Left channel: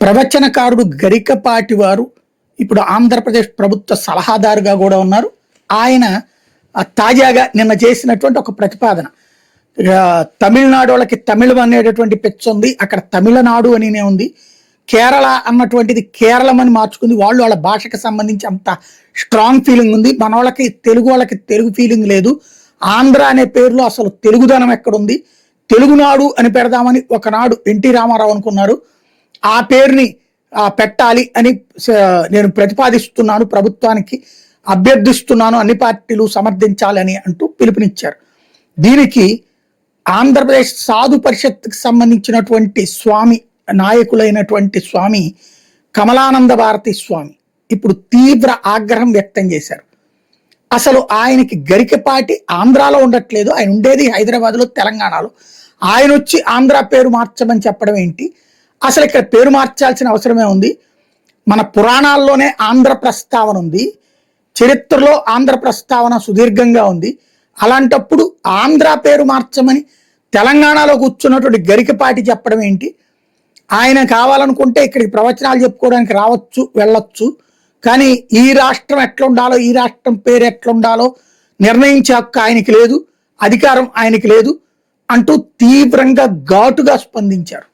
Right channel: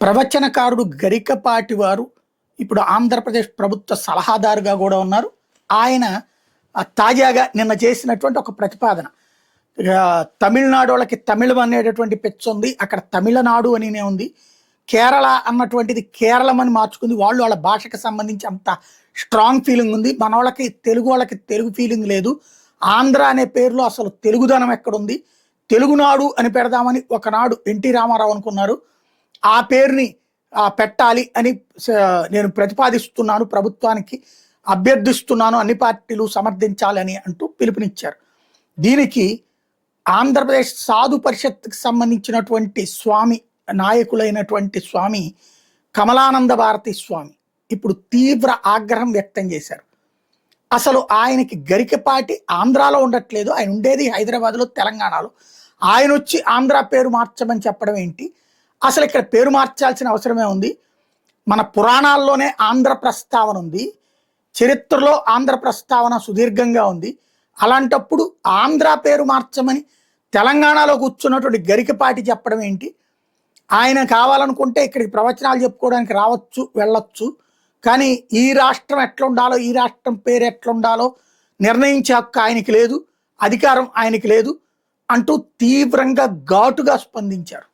ప్రవచనకారుడు గరికపాటి వారు ఇప్పుడు ఆంధ్రప్రదేశ్ ప్రభుత్వ సలహాదారుగా కూడా ఉన్నారు. ఆయన తాజాగా నిన్న చేసినటువంటి ఒక ప్రతిపాదన, తమిళనాడు వాళ్ళకి తమిళం అనేటటువంటి పెచ్చు ఉంది, అక్కడ తమిళనాడు అనినే ఉంది, కేరళ అన్నటువంటిది కేరళం అని మార్చుకుంది. వాళ్ళ భాషకు సంబంధించి అంత స్ట్రాంగ్ ఫీలింగ్ ఉంది. మన వాళ్ళకి తెలుగు ఫీలింగ్ లేదు. ఆంధ్ర అనే పేరులో అసలు తెలుగుదనం ఎక్కడుంది, తెలుగునాడు అని పెడదామని ఒకనాడు ఎన్టీ రామారావు అనుకున్నారు. ఆ పేరుని పెట్టాలి అని నేను ప్రతిపాదిస్తున్నాను, ప్రభుత్వానికి అభ్యర్థిస్తున్నాను, అన్ని పార్టీలు సమర్థించాలని అంటూ పిలుపునిచ్చారు. దీనికి ఆంధ్రప్రదేశ్ సాధు పరిషత్కి సంబంధించినటువంటి స్వామి నాయకులైనటువంటి స్వామి కమలానంద భారతి స్వామి ఇప్పుడు తీవ్ర ఆగ్రహం వ్యక్తం చేశారు. అసలు ఆయనకి గరికపాటి ఆంధ్రాలో ఉండట్లేదు, ఆయన ఉండేది హైదరాబాద్లో, తెలంగాణలో. ఆయన వచ్చి ఆంధ్ర పేరు మార్చమని చెప్పడం ఏంటి? అసలు ఇక్కడ పేరు మార్చాల్సిన అవసరమే ఉంది. మన పురాణాల్లోనే ఆంధ్ర ప్రస్తావన ఉంది, చరిత్రలో ఆంధ్ర ప్రస్తావన సుదీర్ఘంగా ఉంది. అలాంటప్పుడు ఆంధ్ర పేరు మార్చమని తెలంగాణలో కూర్చున్నటువంటి గరికపాటి చెప్పడం ఏంటి? ఆయన కావాలనుకుంటే ఇక్కడికి ప్రవచనాలు చెప్పుకోవడానికి రావచ్చు, వెళ్ళొచ్చు. కానీ ఈ రాష్ట్రం ఎట్లుండాలో, ఈ రాష్ట్రం పేరు ఎట్లుండాలో నిర్ణయించే హక్కు ఆయనకి లేదు, అధికారం ఆయనకి లేదు అంటూ తీవ్రంగా ఘాటుగా స్పందించారు.